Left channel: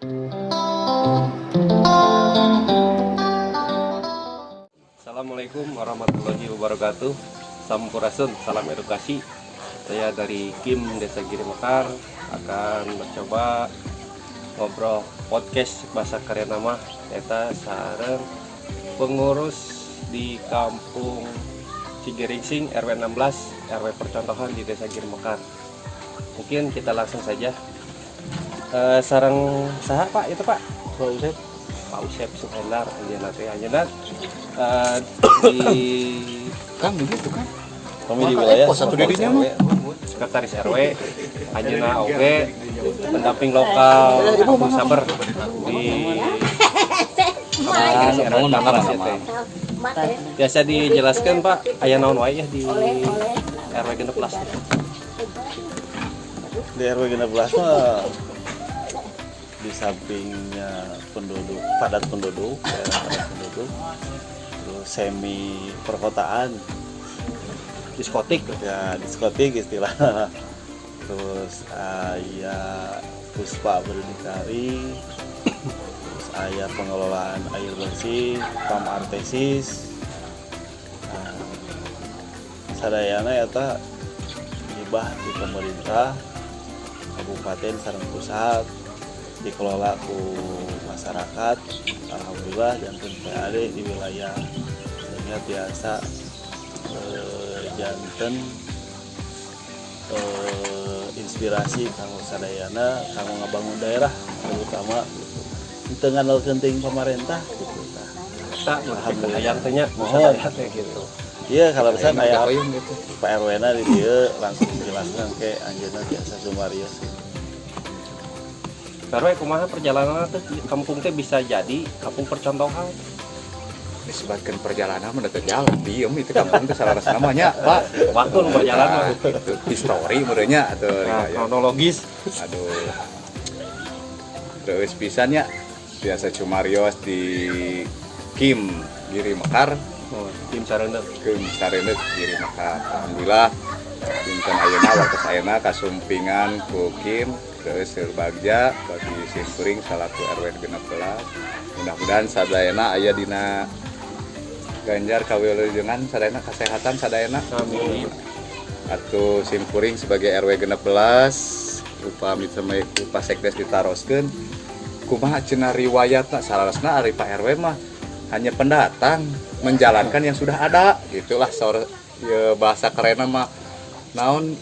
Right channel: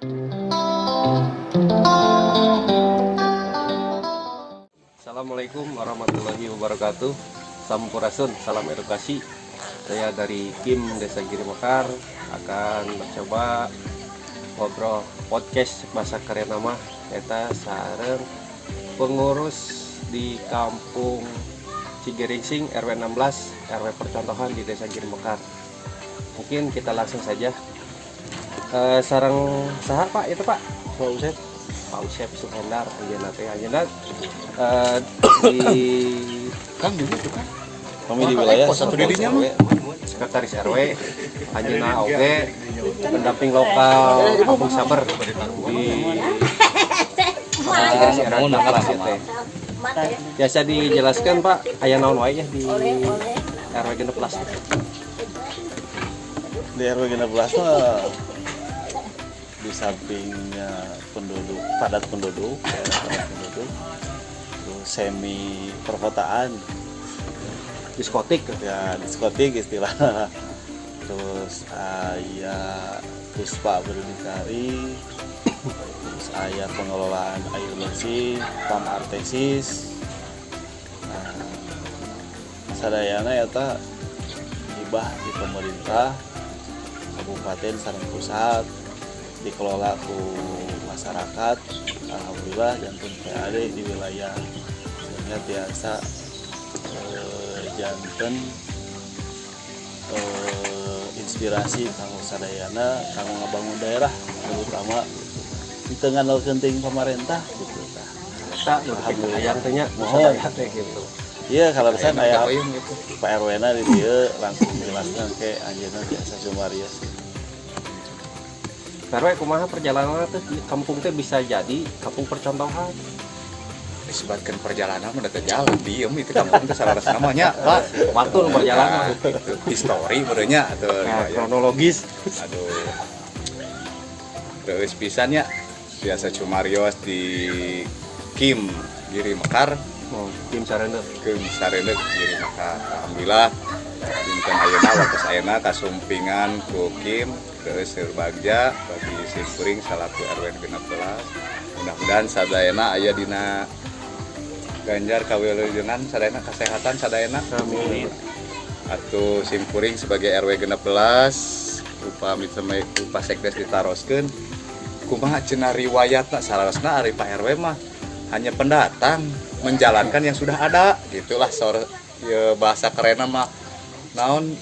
Assalamualaikum warahmatullahi wabarakatuh. Sampurasun, salam edukasi. Saya dari Kim Desa Giri Mekar akan mencoba ngobrol podcast bahasa keren nama eta sareng pengurus di kampung Cigiringsing RW 16 RW percontohan di Desa Giri Mekar. Mungkin kita langsung saja. Sareng saha Pak itu Pak? Pak Usep Suhendar Anjeunat di Kang begitu kan? kami di wilayah satu dirinya RW, sekretaris RW, Anjeunna oge pendamping lokal Kampung Sabar di Komunitas RW 16 itu. Biasa dijelaskan Pak, aya naon wae ya di RW 16. Di RW 16 mah di sampingnya padat penduduk, terus semi perkotaan, Diskotik ya diskotik istilahnya. Terus aya Puspa Berdikari, terus aya pengelolaan air bersih, PAM Artesis. Sadayana eta hibah di pemerintah kabupaten sareng pusat, dikelola ku masyarakat. Alhamdulillah janten PAD di wilayah ini biasa janten inspirasi kanggo sadayana kanggo ngabangun daerah terutama gitu. Itu ngandal penting pemerintah gitu tah. Alhamdulillah yang tanya mohon gitu. Iya kalau pesan aya Pak RW na di dieu langsung jelaskan ke anjeunna biasa sumarios. Karena kumaha perjalanan teh kampung teh bisa jadi kampung percontohan. Sebagian perjalanan mendekat jalan diem itu kampung itu salah namanya Pak. Waktu nu perjalanan Histori menurutnya atau kronologis. Aduh. Terus pisannya biasa cumarios di Kim Giri Mekar. Tim Sarenda. Kim Sarenda Giri Mekar. Alhamdulillah dinten ayeuna waktu ayeuna kasumpingan ku Kim terus berbagja bagi simkuring salaku RW 16. Mudah-mudahan sadayana aya dina ganjar kawilujengan sadayana kesehatan sadayana. Amin. Atuh simkuring sebagai RW 16 upah sekdes ditaroskeun kumaha cenah riwayatna salasna ari Pak RW mah hanya pendatang menjalankan yang sudah ada gitulah bahasa kerenna mah naon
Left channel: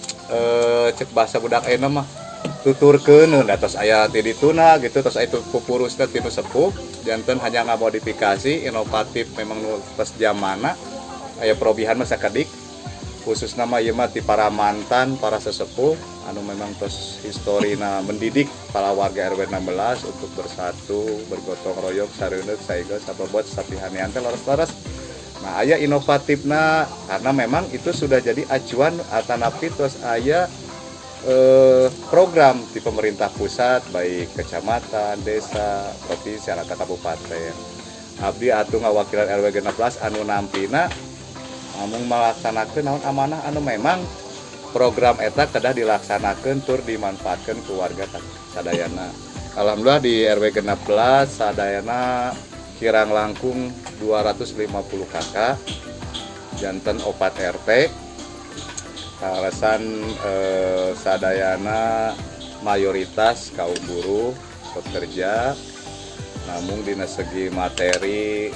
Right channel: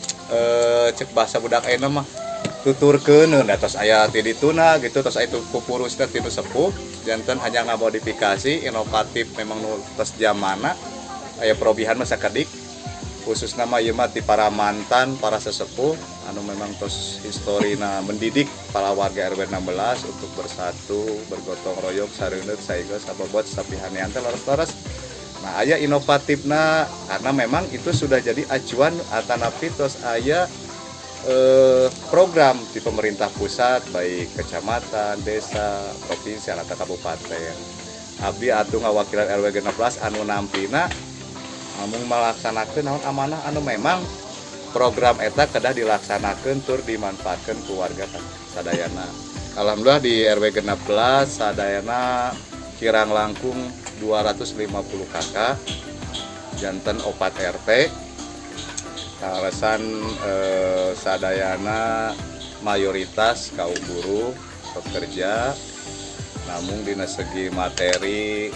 cek bahasa budak ena mah tuturkeun tos aya ti dituna gitu tos itu pupuruskeun ti nu sepuh janten hanya ngamodifikasi inovatif memang nu tos zamana aya perobihan mah sakedik khususna mah ieu mah ti para mantan para sesepuh anu memang tos historina mendidik para warga RW 16 untuk bersatu bergotong royong sareuneup saegeus sabobot sapihanean teh laras-laras. Nah, aya inovatifna karena memang itu sudah jadi acuan atanapi terus aya program di pemerintah pusat baik kecamatan, desa, provinsi, atau kabupaten. Abdi atuh ngawakilan RW 16 anu nampina amung melaksanakeun naon amanah anu memang program eta kedah dilaksanakeun tur dimanfaatkeun ku warga sadayana. Alhamdulillah di RW 16 sadayana kirang langkung 250 kakak janten 4 RT kalasan sadayana mayoritas kaum buruh pekerja namun dina segi materi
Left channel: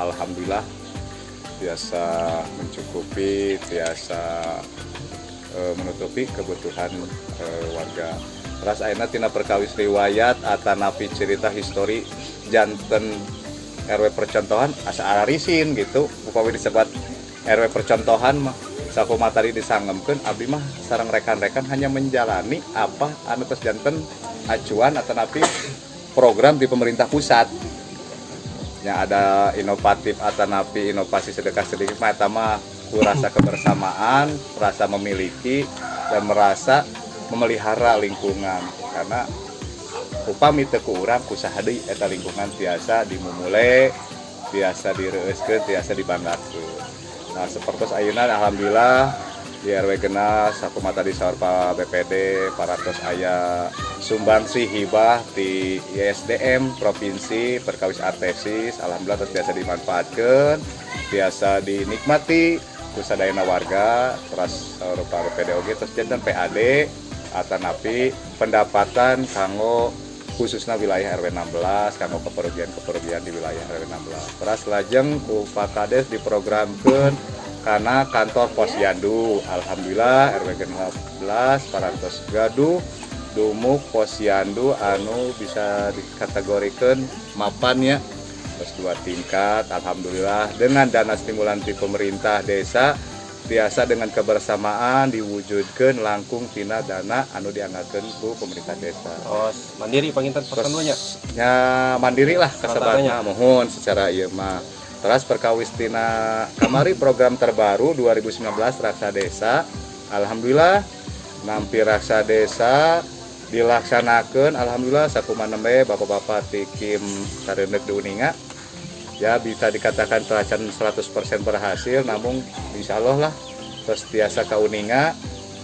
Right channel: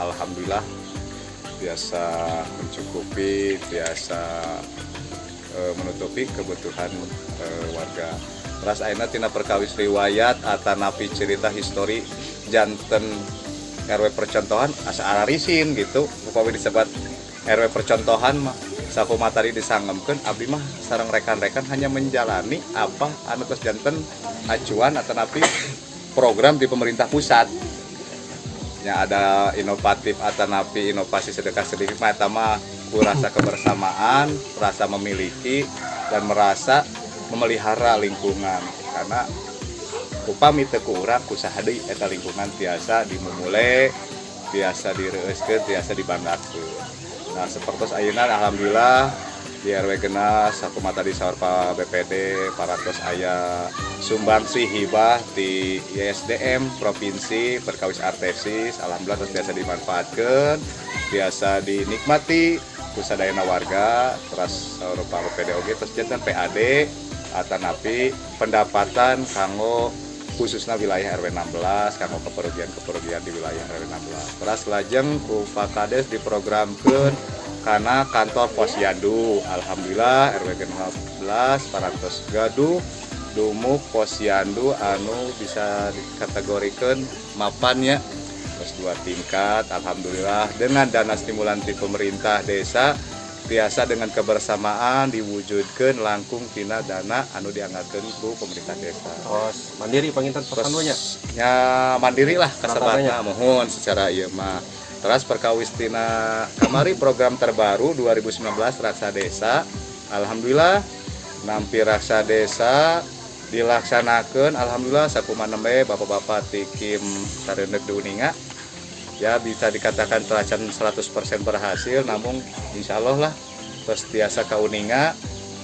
alhamdulillah biasa mencukupi biasa menutupi kebutuhan warga. Ras ayeuna tina perkawis riwayat atanapi cerita histori janten RW percontohan asa ararisin gitu upawi disebut RW percontohan mah sakumaha tadi disangemkeun abdi mah sareng rekan-rekan hanya menjalani apa anu tos janten acuan atanapi program di pemerintah pusat yang ada inovatif atanapi inovasi sedekah sedikit mah eta mah ku rasa kebersamaan, rasa memiliki dan merasa memelihara lingkungan karena upami teu ku urang kusaha deui eta lingkungan biasa dimumule, biasa direuskeun, biasa dibanggakeun. Nah, sapertos ayeuna alhamdulillah di RW Genas sakumaha tadi saur Pak BPD, para tos aya sumbangsi hibah di ISDM Provinsi Perkawis Artesis. Alhamdulillah terus biasa dimanfaatkan, biasa dinikmati kusadayana warga, terus rupa PDOG terus jantan PAD atanapi pendapatan kanggo khususnya wilayah RW 16 kanggo keperugian di wilayah RW 16. Terus lajeng ku Pak Kades diprogramkeun karena kantor Posyandu. Alhamdulillah RW 16 parantos gaduh dumuk Posyandu anu bisa dikategorikan mapan ya. Terus 2 tingkat, alhamdulillah dengan dana stimulan di pemerintah desa biasa dengan kebersamaan diwujudkan langkung tina dana anu dianggarkeun ku pemerintah desa. Oh, mandiri panginten persanunya. Ya mandiri lah kasabatna mohon secara ieu mah. Terus perkawis tina kamari program terbaru 2019 Raksa Desa. Alhamdulillah nampi Raksa Desa dilaksanakan alhamdulillah sakumaha nembe bapak-bapak ti Kim Karenek di Uninga ya bisa dikatakan pelaksanaan 100% berhasil, namun insya Allah lah terus biasa ka Uninga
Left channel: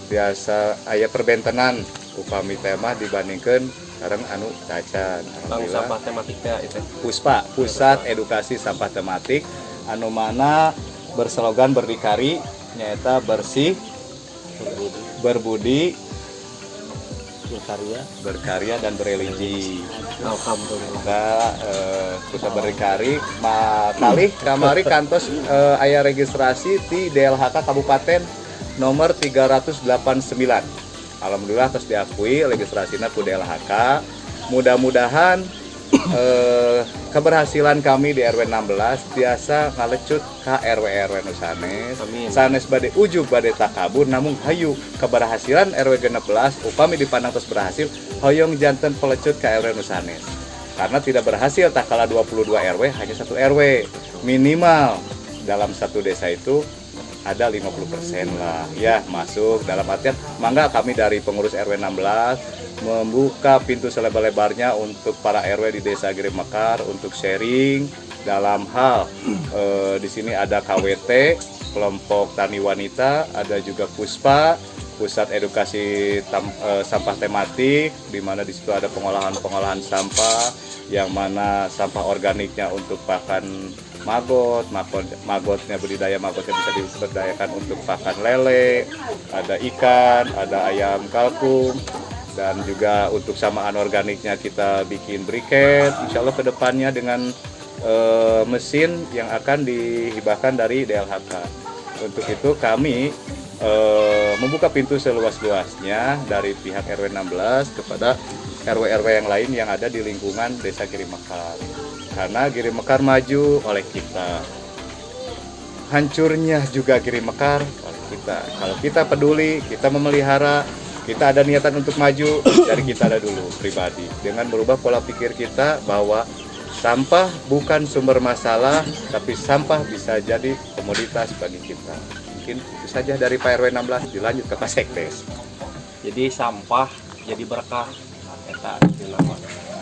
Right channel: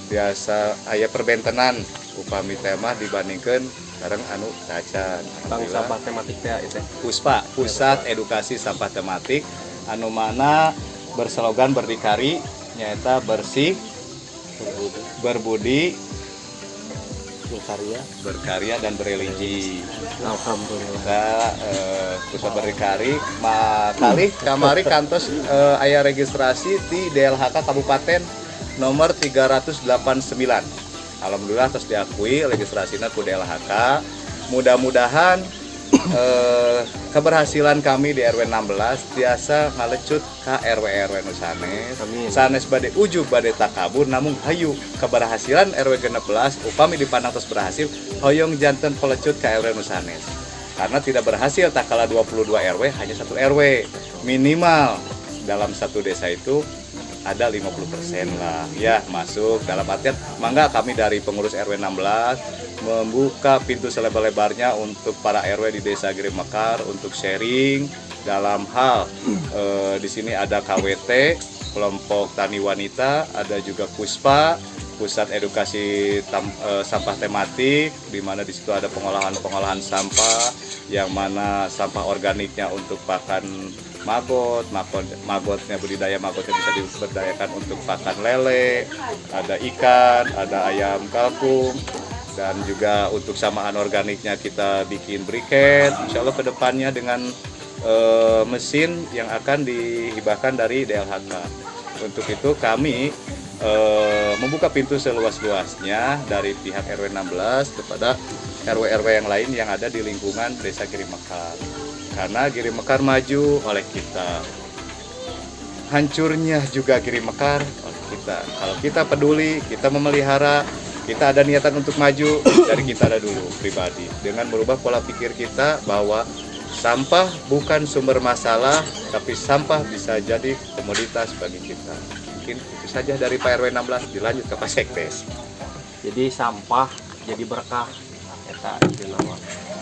biasa aya perbentenan upami tema dibandingkan sekarang anu cacan Bang sampah tematiknya itu PUSPA Pusat Edukasi Sampah Tematik anu mana berslogan berdikari nyata bersih berbudi berkarya dan berreligi. Alhamdulillah. Kita berdikari malih kamari kantos aya registrasi di DLHK Kabupaten nomor 389. Alhamdulillah terus diakui registrasinya ku DLHK. Mudah-mudahan keberhasilan kami di RW 16 biasa ngalecut ka RW nu sanes. Sanes bade ujug bade takabur namun hayu keberhasilan RW 16 upami dipandang terus berhasil hoyong janten pelecut ka RW nu sanes. Karena tidak berhasil tak kala 22 RW hanya 1 RW. Minimal dalam satu desa itu ada 50% lah ya masuk dalam artian mangga kami dari pengurus RW 16 membuka pintu selebar-lebarnya untuk para RW di Desa Giri Mekar untuk sharing dalam hal di sini ada KWT kelompok tani wanita, ada juga PUSPA Pusat Edukasi Sampah Tematik di mana di situ ada pengolahan sampah yang mana sampah organiknya untuk pakan magotnya budidaya magotnya bisa diberdayakan untuk pakan lele, ada ikan, ada ayam kalkun, dan juga untuk samaan organiknya kita bikin briket. Insya Allah kedepannya dengan mesin yang akan dihibahkan dari DLHK. Untuk itu kami membuka pintu seluas-luasnya dari pihak RW 16 kepada RW-RW yang lain yang ada di lingkungan Desa Giri Mekar. Karena Giri Mekar maju oleh kita, hancurnya juga Giri Mekar oleh kita. Kalau kita peduli, kita memelihara, kita ada niatan untuk maju, dari kita ada dulu pribadi. Dengan merubah pola pikir kita bahwa sampah bukan sumber masalah, tapi sampah bisa jadi komoditas bagi kita. Mungkin itu saja dari Pak RW 16, dilanjut ke Pak Sekdes. Jadi sampah jadi berkah eta nama.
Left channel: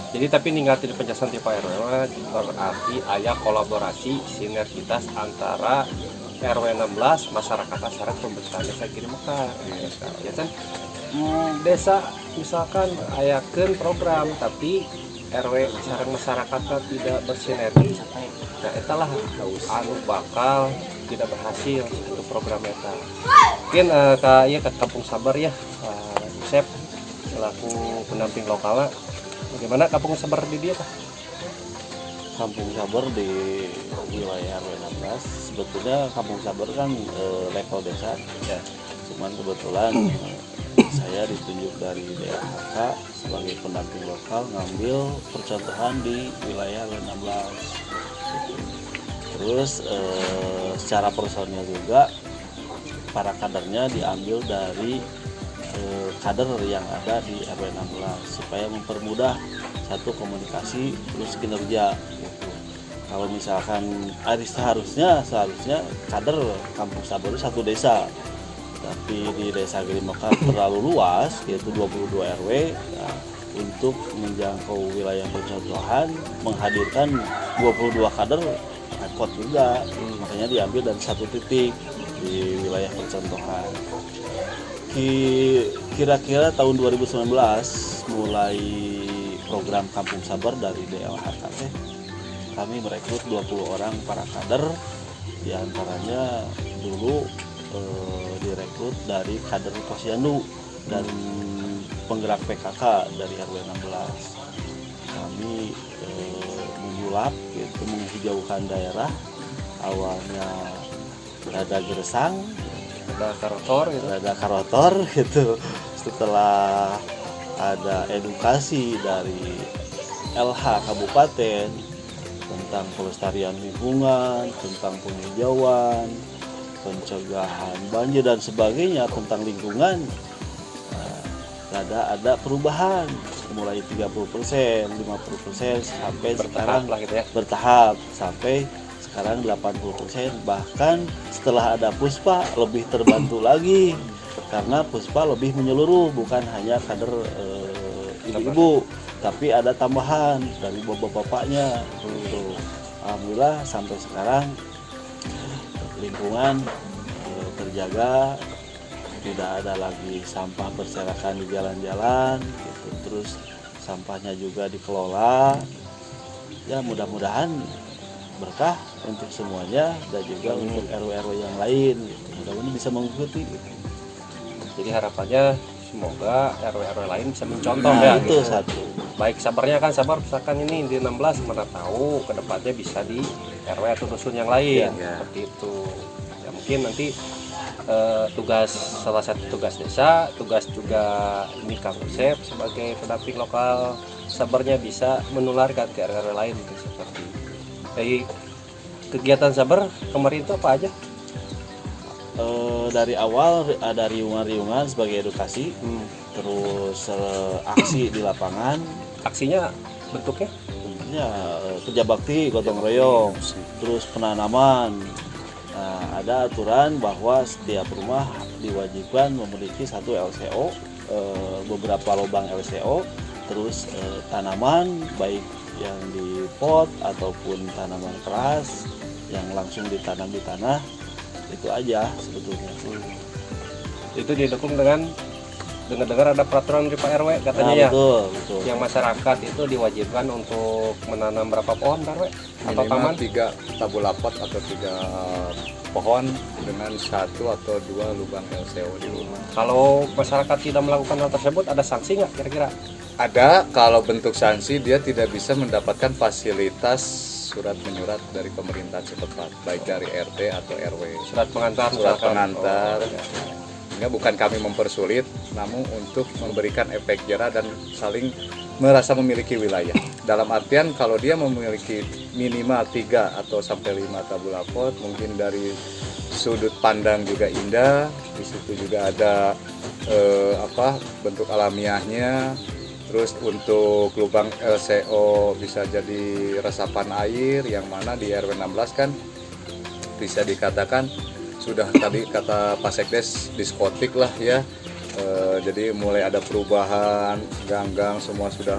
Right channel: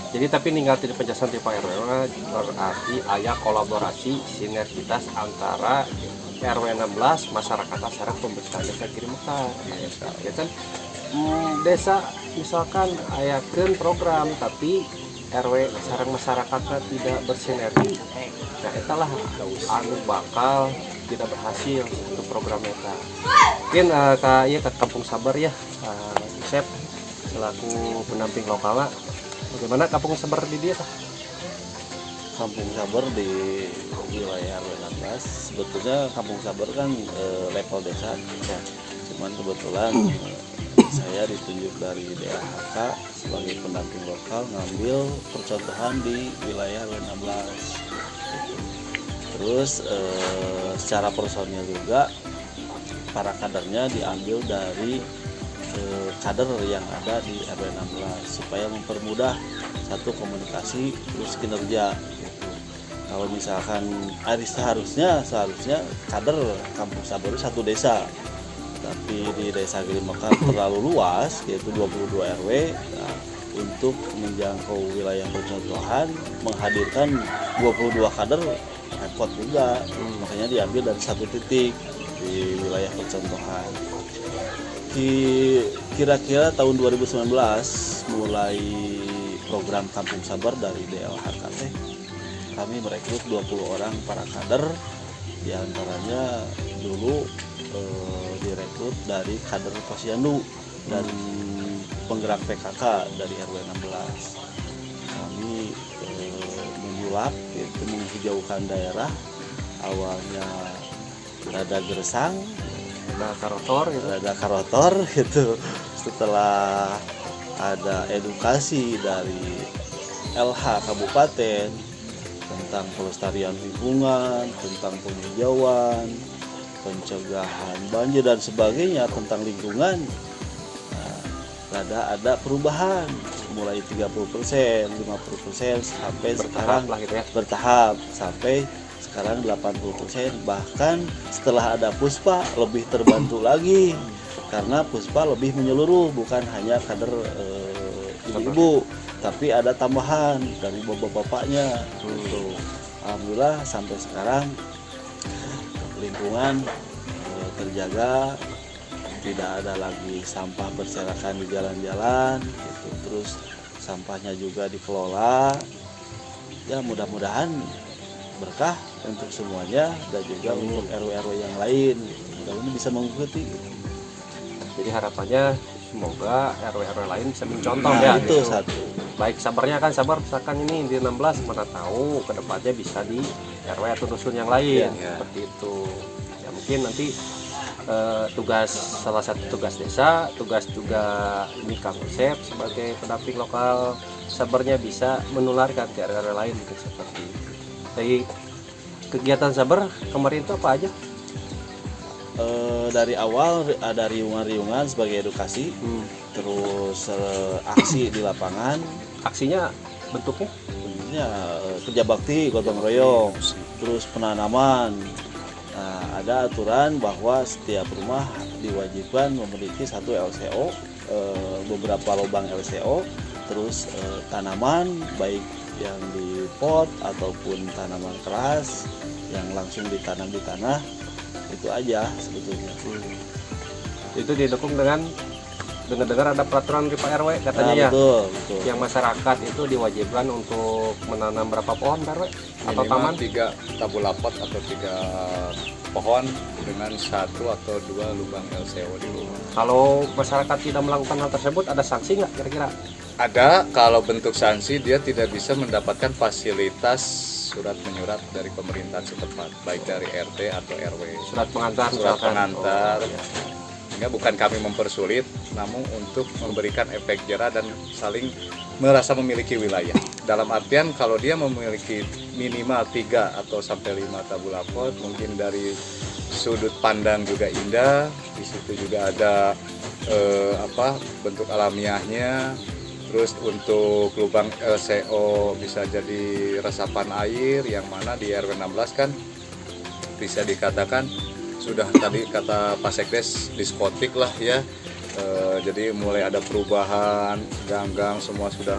Jadi tapi ninggalin penjelasan di Pak RW berarti aya kolaborasi sinergitas antara RW 16 masyarakat asyarat pembesaran Desa Giri Mekar ya kan. Desa misalkan ayakeun program tapi RW sareng masyarakatnya tidak bersinergi. Nah etalah anu bakal tidak berhasil untuk program eta. Mungkin ke Kampung Sabar ya, Chef selaku pendamping lokalnya, bagaimana Kampung Sabar di dia? Kampung Sabar di wilayah RW 16 sebetulnya Kampung Sabar kan level desa ya. Cuman kebetulan saya ditunjuk dari DLHK sebagai pendamping lokal ngambil percontohan di wilayah RW 16 gitu. Terus secara personil juga para kadernya diambil dari kader yang ada di RW 16 supaya mempermudah satu komunikasi terus kinerja gitu. Kalau misalkan seharusnya kader Kampung Sabar itu satu desa, tapi di Desa Giri Mekar terlalu luas yaitu 22 RW. Nah, untuk menjangkau wilayah percontohan menghadirkan 22 kader repot juga, makanya diambil dari satu titik di wilayah percontohan. Kira-kira tahun 2019 mulai program Kampung Sabar dari DLHKT, kami merekrut 20 orang para kader, diantaranya dulu direkrut dari kader Posyandu dan penggerak PKK dari RW 16. Kami menyulap, gitu, menghijaukan daerah. Awalnya rada gersang, rada karotor gitu. Setelah ada edukasi dari LH Kabupaten tentang pelestarian lingkungan, tentang penghijauan, pencegahan banjir dan sebagainya tentang lingkungan, ada perubahan mulai 30%, 50% sampai sekarang gitu ya. bertahap sampai sekarang 80%. Bahkan setelah ada Puspa lebih terbantu lagi karena Puspa lebih menyeluruh, bukan hanya kader ibu-ibu, tapi ada tambahan dari bapak-bapaknya gitu. Alhamdulillah sampai sekarang lingkungan terjaga, tidak ada lagi sampah berserakan di jalan-jalan gitu. Terus sampahnya juga dikelola. Ya mudah-mudahan berkah untuk semuanya dan juga untuk RW-RW yang lain gitu. Mudah-mudahan bisa mengikuti gitu. Jadi harapannya semoga RW-RW lain bisa mencontoh Nah, ya itu gitu. satu. Baik sabarnya kan sabar misalkan ini di 16, mana tahu ke depannya bisa di RW atau dusun yang lain Ya. seperti itu. Ya mungkin nanti tugas salah satu tugas desa, tugas juga ini Kang Usep sebagai pendamping lokal sabarnya bisa menularkan ke RW lain gitu, seperti itu. Dari kegiatan sabar kemarin itu apa aja? Dari awal ada riungan-riungan sebagai edukasi, terus aksi di lapangan, Aksinya bentuknya tentunya kerja bakti, gotong royong, terus penanaman. Nah, ada aturan bahwa setiap rumah diwajibkan memiliki satu LCO, beberapa lubang LCO, terus tanaman baik yang di pot ataupun tanaman keras yang langsung ditanam di tanah, itu aja sebetulnya. itu didukung dengan dengar-dengar ada peraturan dari Pak RW katanya Nah, ya. betul. Yang masyarakat itu diwajibkan untuk menanam berapa pohon Pak RW atau taman? 3 tabulapot atau 3 pohon dengan 1 atau 2 lubang LCO di rumah. Kalau masyarakat tidak melakukan hal tersebut ada sanksi nggak kira-kira? Ada, kalau bentuk sanksi dia tidak bisa mendapatkan fasilitas surat menyurat dari pemerintah setempat, baik dari RT atau RW. Surat pengantar Surat misalkan. pengantar. Oh, ya. Sehingga bukan kami mempersulit, namun untuk memberikan efek jerah dan saling merasa memiliki wilayah. Dalam artian kalau dia memiliki minimal 3 atau sampai 5 tabulapot, mungkin dari sudut pandang juga indah, di situ juga ada bentuk alamiahnya. Terus untuk lubang LCO bisa jadi resapan air, yang mana di RW 16 kan bisa dikatakan sudah tadi kata Pak Sekdes diskotik lah ya. Jadi mulai ada perubahan, gang-gang semua sudah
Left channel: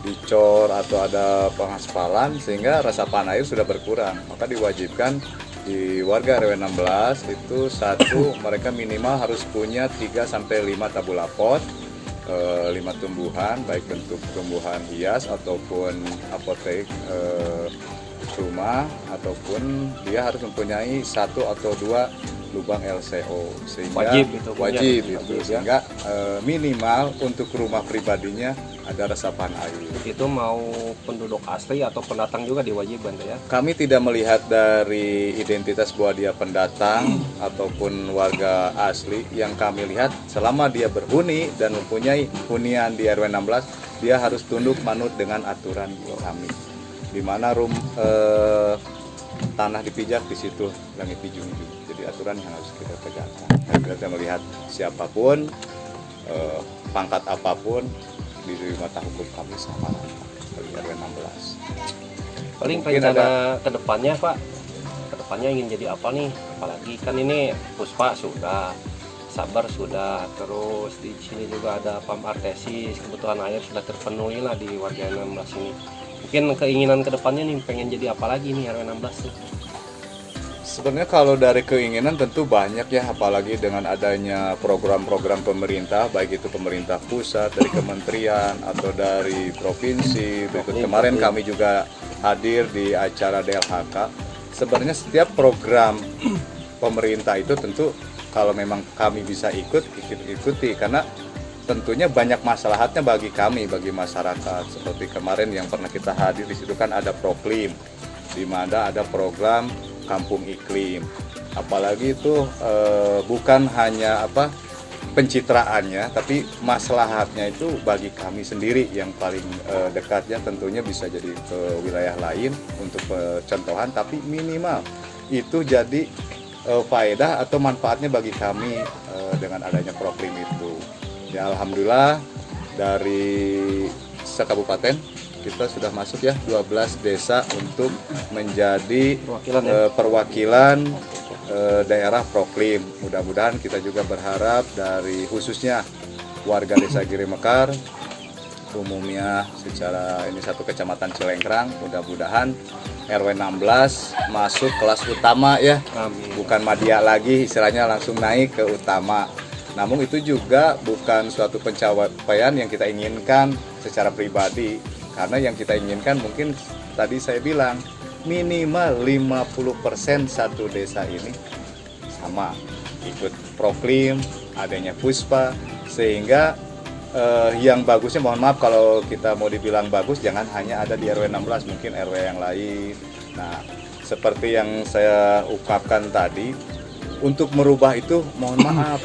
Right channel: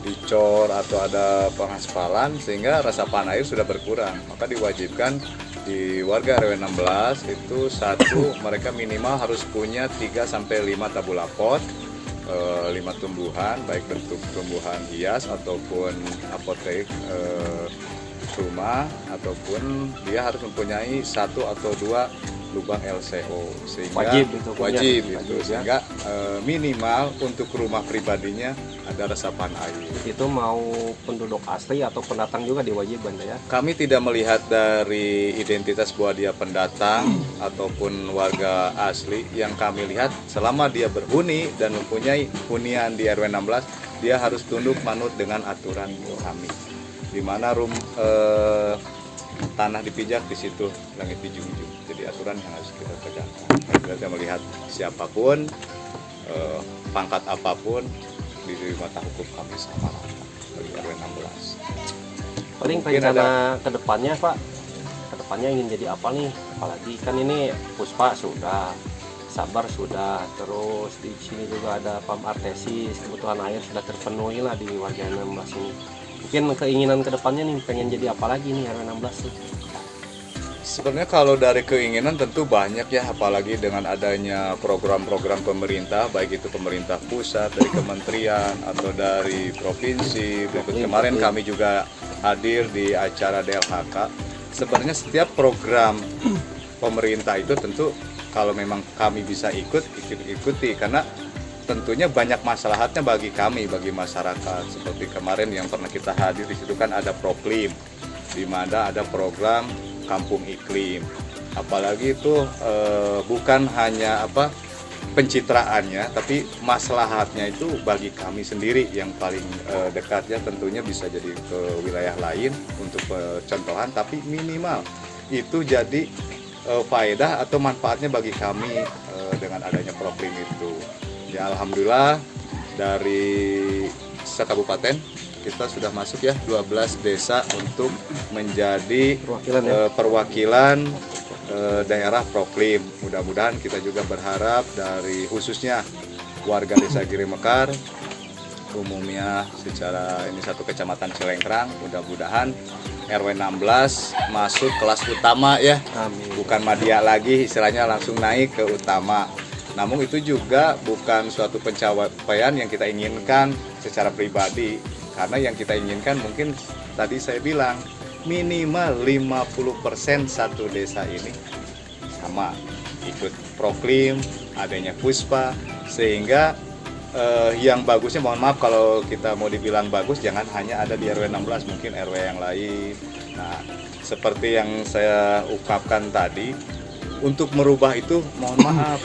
dicor atau ada pengaspalan sehingga resapan air sudah berkurang. Maka diwajibkan di warga RW 16 itu satu, mereka minimal harus punya 3 sampai 5 tabulapot, 5 tumbuhan, baik bentuk tumbuhan hias ataupun apotek rumah, ataupun dia harus mempunyai 1 atau 2 lubang LCO, sehingga Wajib itu punya. wajib itu, Wajib, ya. sehingga minimal untuk rumah pribadinya ada resapan air. Itu mau penduduk asli atau pendatang juga diwajibkan ya? Kami tidak melihat dari identitas bahwa dia pendatang ataupun warga asli. Yang kami lihat selama dia berhuni dan mempunyai hunian di RW 16, dia harus tunduk manut dengan aturan kami. Di mana tanah dipijak, di situ langit dijunjung. Jadi aturan yang harus kita pegang. Kita melihat siapapun, pangkat apapun, di mata hukum kami sama bagi RW 16. Paling Mungkin rencana kedepannya Pak, kedepannya ingin jadi apa nih? Apalagi kan ini Puspa sudah, Sabar sudah, terus di sini juga ada PAM Artesis, kebutuhan air sudah terpenuhi lah di warga 16 ini. Mungkin keinginan kedepannya nih pengen jadi apa lagi nih RW 16 nih? Sebenarnya kalau dari keinginan tentu banyak ya, apalagi dengan adanya program-program pemerintah, baik itu pemerintah pusat, dari kementerian atau dari provinsi. Berikut kemarin kami juga hadir di acara DLHK. Sebenarnya setiap program pemerintah itu tentu kalau memang kami bisa ikuti, karena tentunya banyak maslahatnya bagi kami, bagi masyarakat. Seperti kemarin yang pernah kita hadir di situ kan ada Proklim, di mana ada program kampung iklim, apalagi itu bukan hanya pencitraannya, tapi maslahatnya itu bagi kami sendiri yang paling dekatnya tentunya bisa jadi ke wilayah lain untuk contohan, tapi minimal itu jadi faedah atau manfaatnya bagi kami dengan adanya Proklim itu. Ya alhamdulillah dari sekabupaten kita sudah masuk ya 12 desa untuk menjadi perwakilan daerah Proklim. Mudah-mudahan kita juga berharap dari khususnya warga desa Giri Mekar umumnya secara ini satu kecamatan Celengkrang, mudah-mudahan RW 16 masuk kelas utama ya. Amin. Bukan madya lagi, istilahnya langsung naik ke utama. Namun itu juga bukan suatu pencapaian yang kita inginkan secara pribadi. Karena yang kita inginkan mungkin tadi saya bilang minimal 50% satu desa ini sama ikut Proklim, adanya Puspa, sehingga yang bagusnya, mohon maaf kalau kita mau dibilang bagus, jangan hanya ada di RW 16, mungkin RW yang lain. Nah, seperti yang saya ungkapkan tadi, untuk merubah itu mohon maaf,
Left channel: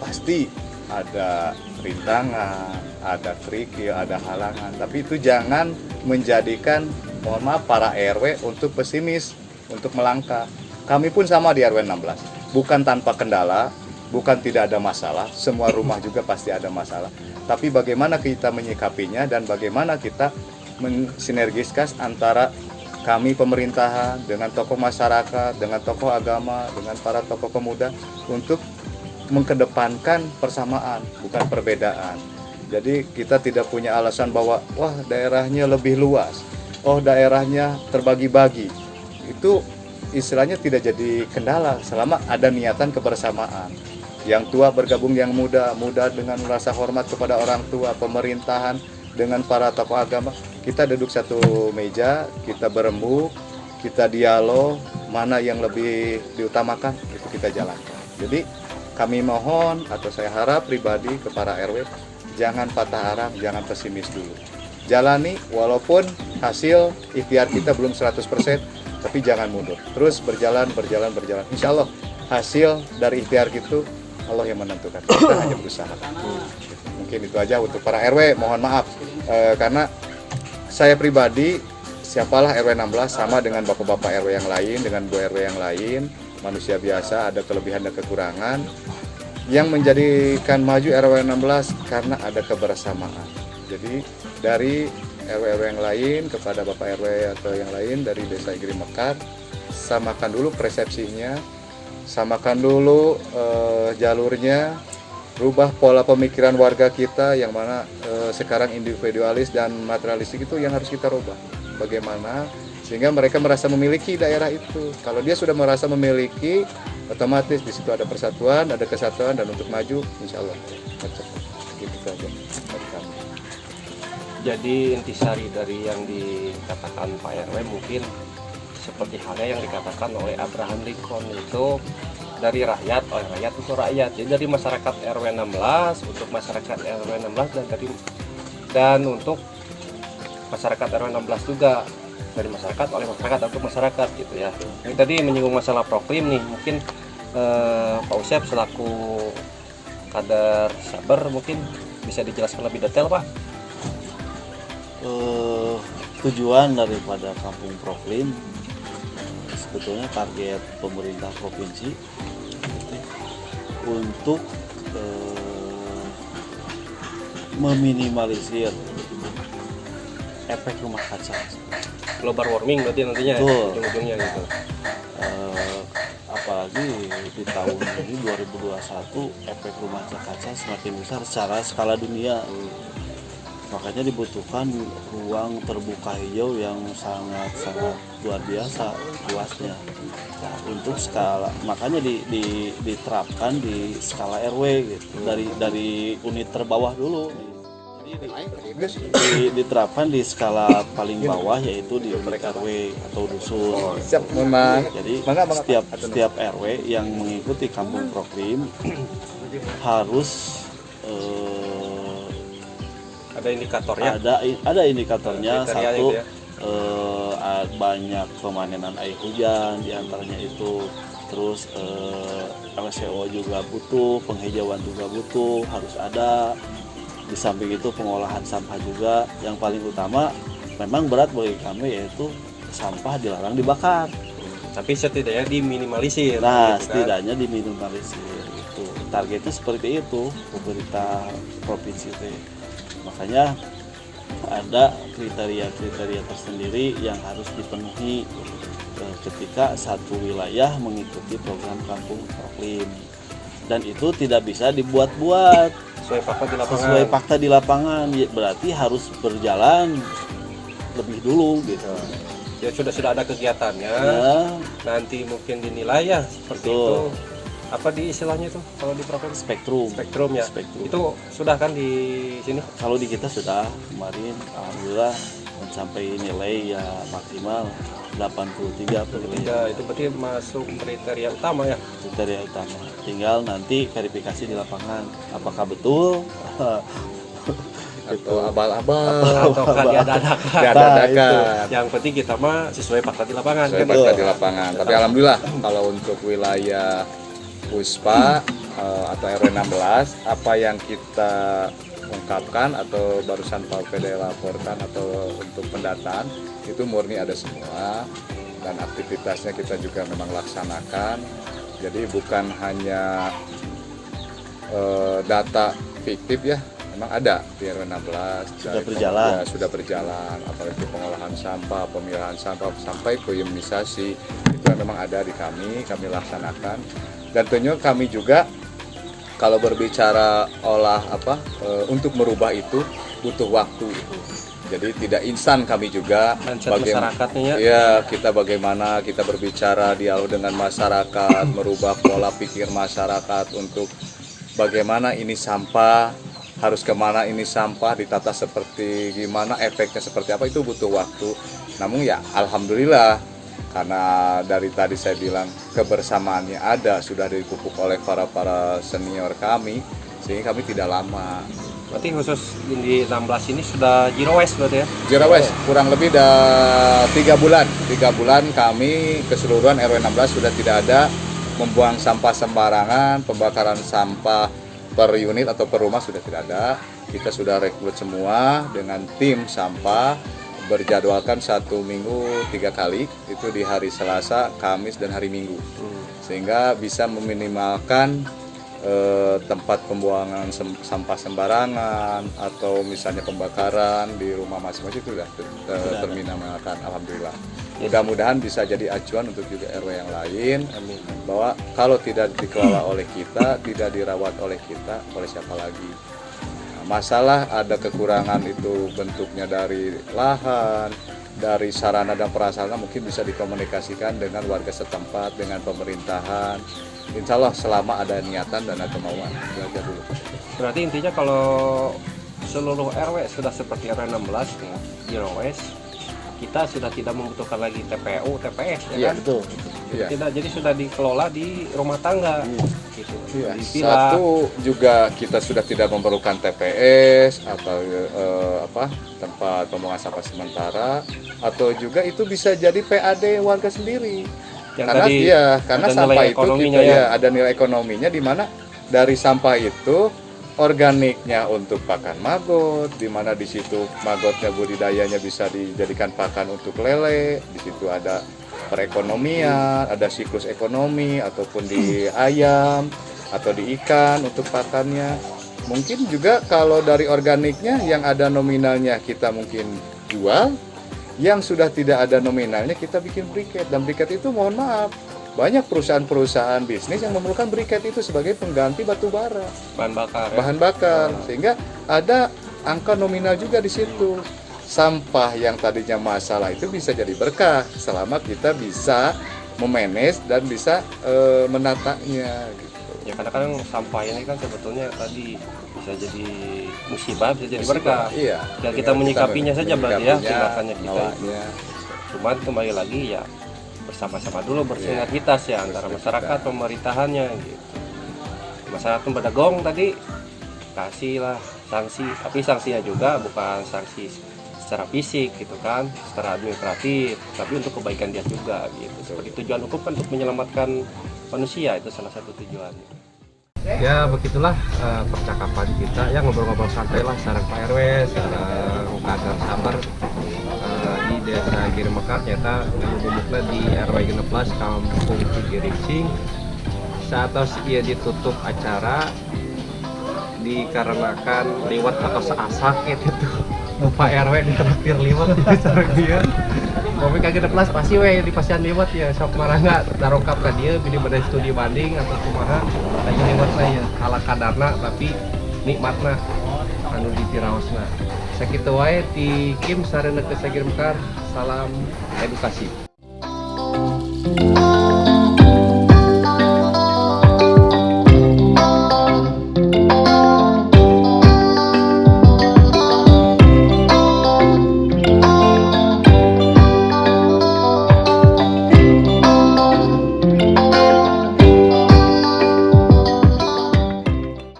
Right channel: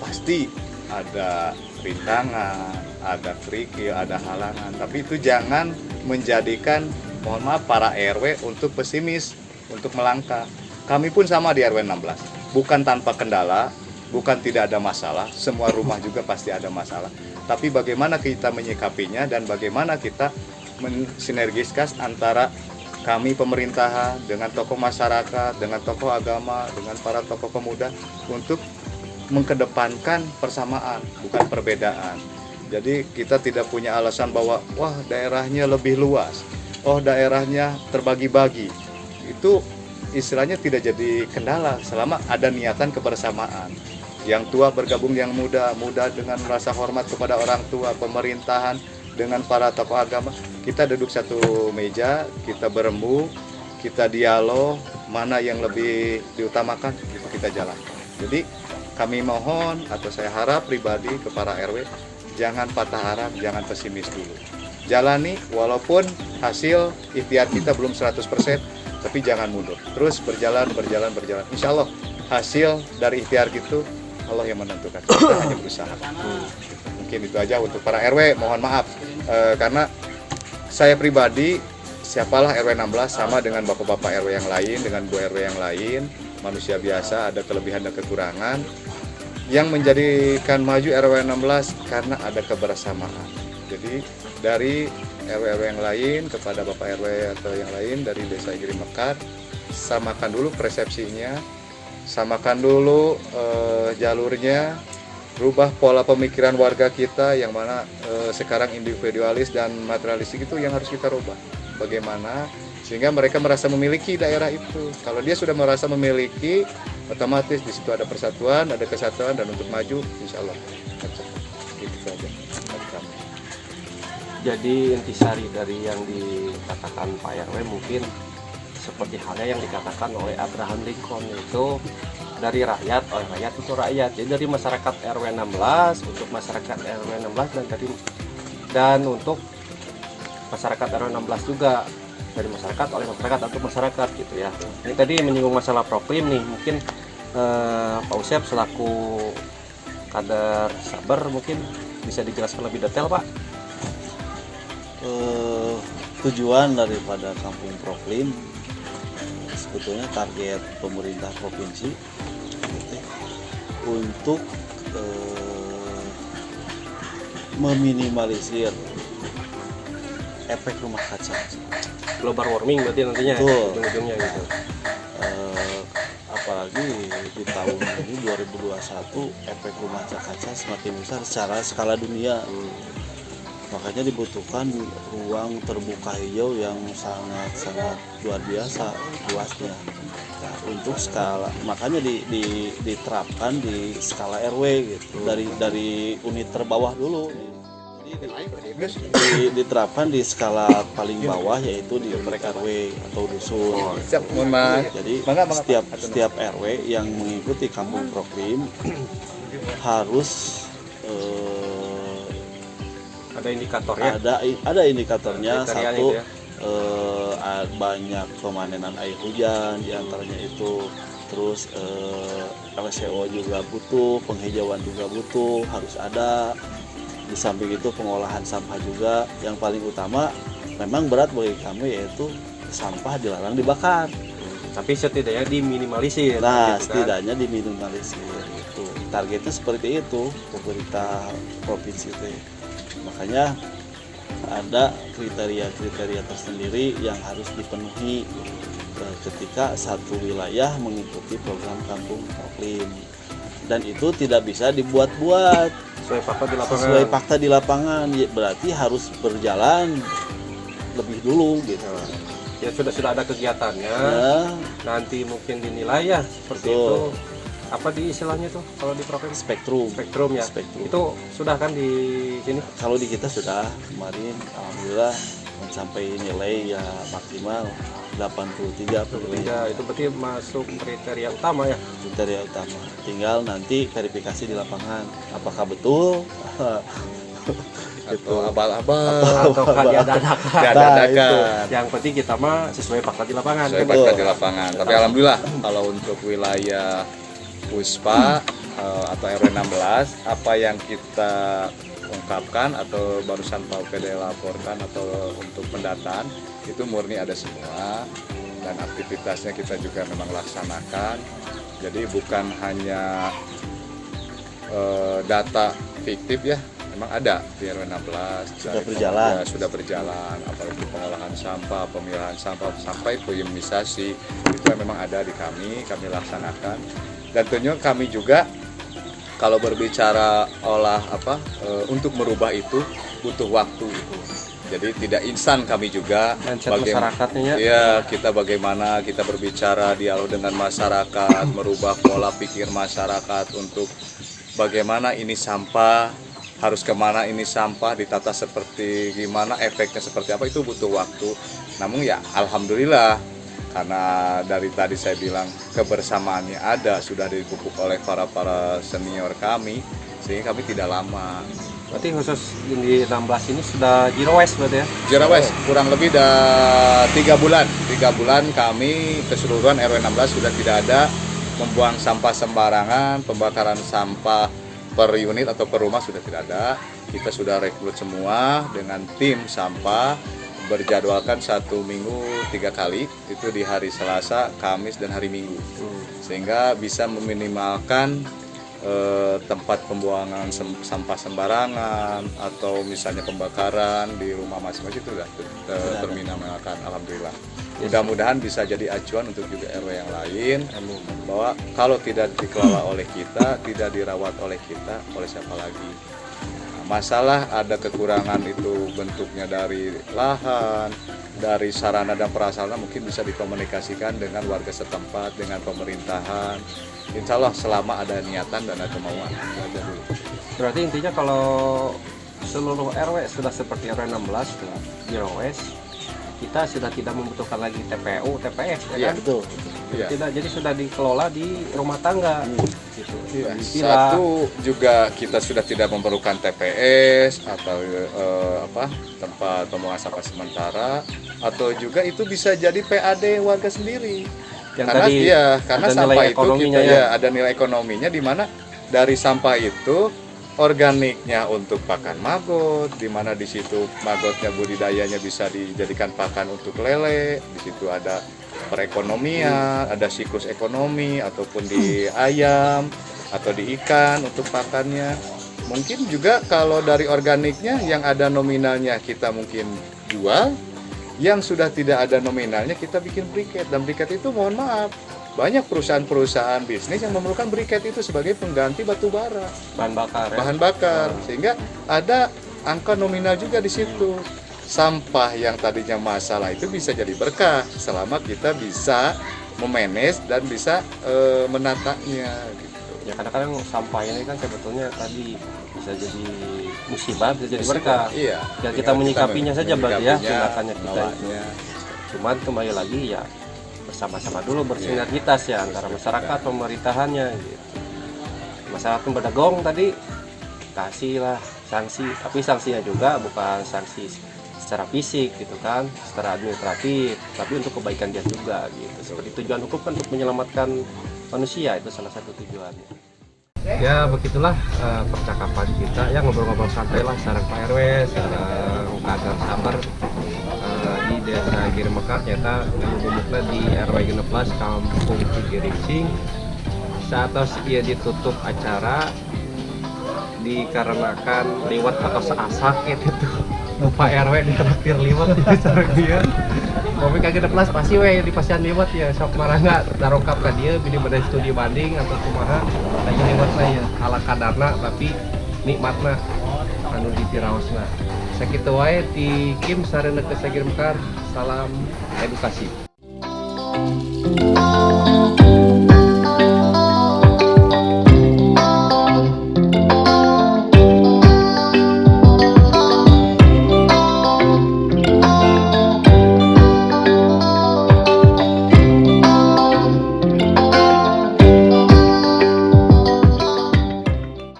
pasti ada rintangan, ada kerikil, ada halangan, tapi itu jangan menjadikan, mohon maaf, para RW untuk pesimis, untuk melangkah. Kami pun sama di RW 16, bukan tanpa kendala, bukan tidak ada masalah, semua rumah juga pasti ada masalah, tapi bagaimana kita menyikapinya dan bagaimana kita mensinergiskan antara kami pemerintahan dengan tokoh masyarakat, dengan tokoh agama, dengan para tokoh pemuda untuk mengedepankan persamaan, bukan perbedaan. Jadi kita tidak punya alasan bahwa wah daerahnya lebih luas, oh daerahnya terbagi-bagi. Itu istilahnya tidak jadi kendala selama ada niatan kebersamaan. Yang tua bergabung yang muda, muda dengan rasa hormat kepada orang tua, pemerintahan dengan para tokoh agama. Kita duduk satu meja, kita berembuk, kita dialog, mana yang lebih diutamakan itu kita jalankan. Jadi kami mohon atau saya harap pribadi ke para RW, jangan patah harap, jangan pesimis dulu. Jalani walaupun hasil ikhtiar kita belum 100%, tapi jangan mundur. Terus berjalan. Insya Allah hasil dari ikhtiar itu Allah yang menentukan. Kita hanya berusaha. Mungkin itu aja untuk para RW. Mohon maaf karena saya pribadi, siapalah RW 16 sama dengan bapak-bapak RW yang lain, dengan Bu RW yang lain, manusia biasa, ada kelebihan dan kekurangan. Yang menjadikan maju RW 16 karena ada kebersamaan. Jadi dari RW yang lain kepada Bapak RW atau yang lain dari Desa Giri Mekar, samakan dulu persepsinya, samakan dulu jalurnya, rubah pola pemikiran warga kita yang mana sekarang individualis dan materialistik itu yang harus kita rubah. Bagaimana sehingga mereka merasa memiliki daerah itu. Kalau dia sudah merasa memiliki, otomatis di situ ada persatuan, ada kesatuan, dan untuk maju, insya Allah. Gitu saja. Jadi intisari dari yang dikatakan Pak RW mungkin seperti halnya yang dikatakan oleh Abraham Lincoln, itu dari rakyat, oleh rakyat itu rakyat. Jadi dari masyarakat RW 16 untuk masyarakat RW 16 dan untuk masyarakat RW 16 juga, dari masyarakat oleh masyarakat untuk masyarakat gitu ya. Ini tadi menyinggung masalah Proklim nih, mungkin Pak Usep selaku kader Saber mungkin bisa dijelaskan lebih detail Pak. Tujuan daripada Kampung Proklim sebetulnya target pemerintah provinsi gitu, untuk meminimalisir efek rumah kaca. Global warming berarti nantinya ujung-ujungnya gitu. Apalagi di tahun ini 2021 efek rumah kaca semakin besar secara skala dunia. Makanya dibutuhkan ruang terbuka hijau yang sangat luar biasa luasnya. Nah, untuk skala, makanya diterapkan di skala RW gitu, dari unit terbawah dulu. Diterapkan di skala paling bawah, yaitu di unit RW atau dusun. Jadi setiap RW yang mengikuti Kampung Proklim harus ada indikatornya. Ada indikatornya. Kriterianya Satu, gitu ya. banyak pemanenan air hujan diantaranya itu. Terus LCO juga butuh, penghijauan juga butuh, harus ada. Di samping itu pengolahan sampah juga. Yang paling utama memang berat bagi kami yaitu sampah dilarang dibakar. Tapi setidaknya diminimalisir. Nah, gitu kan. setidaknya diminimalisir gitu. Targetnya seperti itu pemerintah provinsi itu. Makanya ada kriteria-kriteria tersendiri yang harus dipenuhi ketika satu wilayah mengikuti program Kampung Proklim. Dan itu tidak bisa dibuat-buat. Sesuai fakta di lapangan, berarti harus berjalan lebih dulu gitu. Ya sudah ada kegiatannya. Ya, Nanti mungkin dinilai ya seperti betul. itu. Apa di istilahnya tuh kalau di provinsi? Spektrum ya. Spektrum. Itu sudah kan di sini? Kalau di kita sudah kemarin alhamdulillah sampai nilai ya maksimal 83 penilaian. Ya, itu berarti masuk kriteria utama ya. Kriteria utama. Tinggal nanti verifikasi di lapangan apakah betul Itu abal-abal. Atau kan diadakan. Diadakan. Yang penting kita mah sesuai fakta di lapangan. Saya kan? baca di lapangan. Tapi alhamdulillah kalau untuk wilayah Puspa atau RW 16, apa yang kita ungkapkan atau barusan Pak PD laporkan atau untuk pendataan itu murni ada semua, dan aktivitasnya kita juga memang laksanakan. Jadi bukan hanya data fiktif ya, memang ada di RW 16 Sudah berjalan. Sudah berjalan, apalagi pengolahan sampah, pemilahan sampah sampai ke imunisasi itu memang ada di kami laksanakan. Dan tentunya kami juga kalau berbicara untuk merubah itu butuh waktu. Jadi tidak instan, kami juga Mindset masyarakatnya ya, kita bagaimana kita berbicara dialog dengan masyarakat, merubah pola pikir masyarakat untuk bagaimana ini sampah, harus kemana ini sampah, ditata seperti gimana, efeknya seperti apa, itu butuh waktu. Namun ya alhamdulillah, karena dari tadi saya bilang kebersamaannya ada, sudah dipupuk oleh para senior kami, sehingga kami tidak lama. Berarti khusus di 16 ini sudah zero waste berarti ya? Zero waste kurang lebih 3 bulan. 3 bulan kami keseluruhan RW 16 sudah tidak ada membuang sampah sembarangan, pembakaran sampah per unit atau per rumah sudah tidak ada. Kita sudah rekrut semua dengan tim sampah, berjadwalkan 1 minggu 3 kali, itu di hari Selasa, Kamis, dan hari Minggu, sehingga bisa meminimalkan tempat pembuangan sampah sembarangan atau misalnya pembakaran di rumah masing-masing itu sudah terminimalkan. Alhamdulillah. Mudah-mudahan bisa jadi acuan untuk juga RW yang lain, bahwa kalau tidak dikelola oleh kita, tidak dirawat oleh kita, oleh siapa lagi? Masalah ada kekurangan itu bentuknya dari lahan, dari sarana dan prasarana, mungkin bisa dikomunikasikan dengan warga setempat, dengan pemerintahan. Insya Allah selama ada niatan dan ada kemauan. Berarti intinya kalau seluruh RW sudah seperti RW 16 ya, zero waste, kita sudah tidak membutuhkan lagi TPU, TPS ya Iya, kan? betul. Iya. Tidak, jadi sudah dikelola di rumah tangga. Gitu. Iya. Di villa. Satu juga kita sudah tidak memerlukan TPS atau tempat pembuangan sampah sementara, atau juga itu bisa jadi PAD warga sendiri. Yang Karena tadi karena ada sampah nilai itu ekonominya kita, ya. ada nilai ekonominya, di mana dari sampah itu organiknya untuk pakan maggot, di mana di situ maggotnya budidayanya bisa dijadikan pakan untuk lele, di situ ada perekonomian, ada siklus ekonomi, ataupun di ayam atau di ikan untuk pakannya. Mungkin juga kalau dari organiknya yang ada nominalnya kita mungkin jual, yang sudah tidak ada nominalnya kita bikin briket. Dan briket itu mohon maaf, banyak perusahaan-perusahaan bisnis yang memerlukan briket itu sebagai pengganti batu bara, bahan bakar ya. bahan bakar, sehingga ada angka nominal juga di situ. Sampah yang tadinya masalah itu bisa jadi berkah selama kita bisa memanage dan bisa menatanya gitu. Ya kadang-kadang sampah ini kan sebetulnya tadi bisa jadi musibah, bisa jadi berkah. Iya. Ya kita menyikapinya saja berarti ya, menyikapinya, tindakannya kita itu. nawanya. Cuman kembali lagi ya bersama-sama dulu bersinergitas ya antara masyarakat pemerintahannya gitu. Masyarakat berdagong tadi kasih lah sanksi, tapi sanksinya juga bukan sanksi secara fisik gitu kan, secara administratif, tapi untuk kebaikan dia juga gitu. Seperti tujuan hukum kan untuk menyelamatkan manusia, itu salah satu tujuannya. Ya begitulah percakapan kita ya, ngobrol-ngobrol santai lah sareng Pak RW, sareng Kadar Sabar di Desa Giremekar, nyata ngomongnya di RW 16 Kampung Cigirincing. Saat ia ditutup acara dikarenakan liwat atau seasak gitu. Pak RW ditraktir liwat di sareng dia. Kopi kagak plus pasti we di pasian liwat ya sok marangga darokap ka dieu bini bade studi banding atau kumaha tanya liwat saya ala kadarna tapi nikmatna anu ditiraosna. Sakitu wae ti Kim sareng ke Giremekar. Salam edukasi.